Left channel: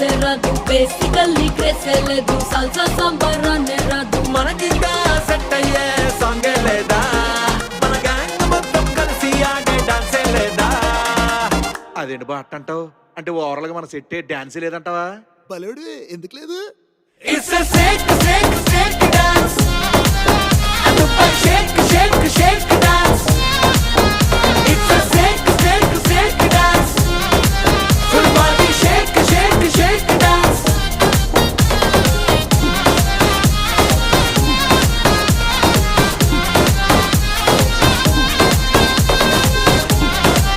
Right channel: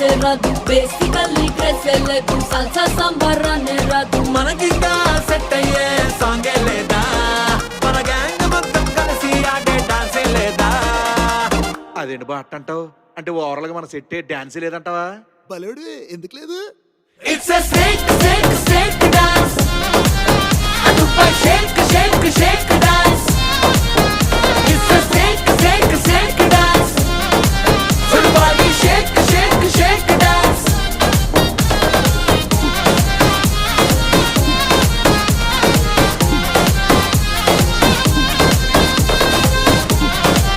డాన్సే రాదు, బేసికల్లీ క్రేసే లేదు, సాల్సా సంబరాన్నే రాదు. మనకింకా సెట్ అయ్యే సాంగే లేదా, మన గ్యాంగ్ మొత్తం కలిసి ఆడే డాన్సే లేదా. అదేంటి బా అంటావు? అంటే ఓవరాల్ గా మన సెట్ డాన్స్ లేదంటావా? బలేడు ఎందుకు లేదు? It's a shake, shake, shake dance. Shake, shake, shake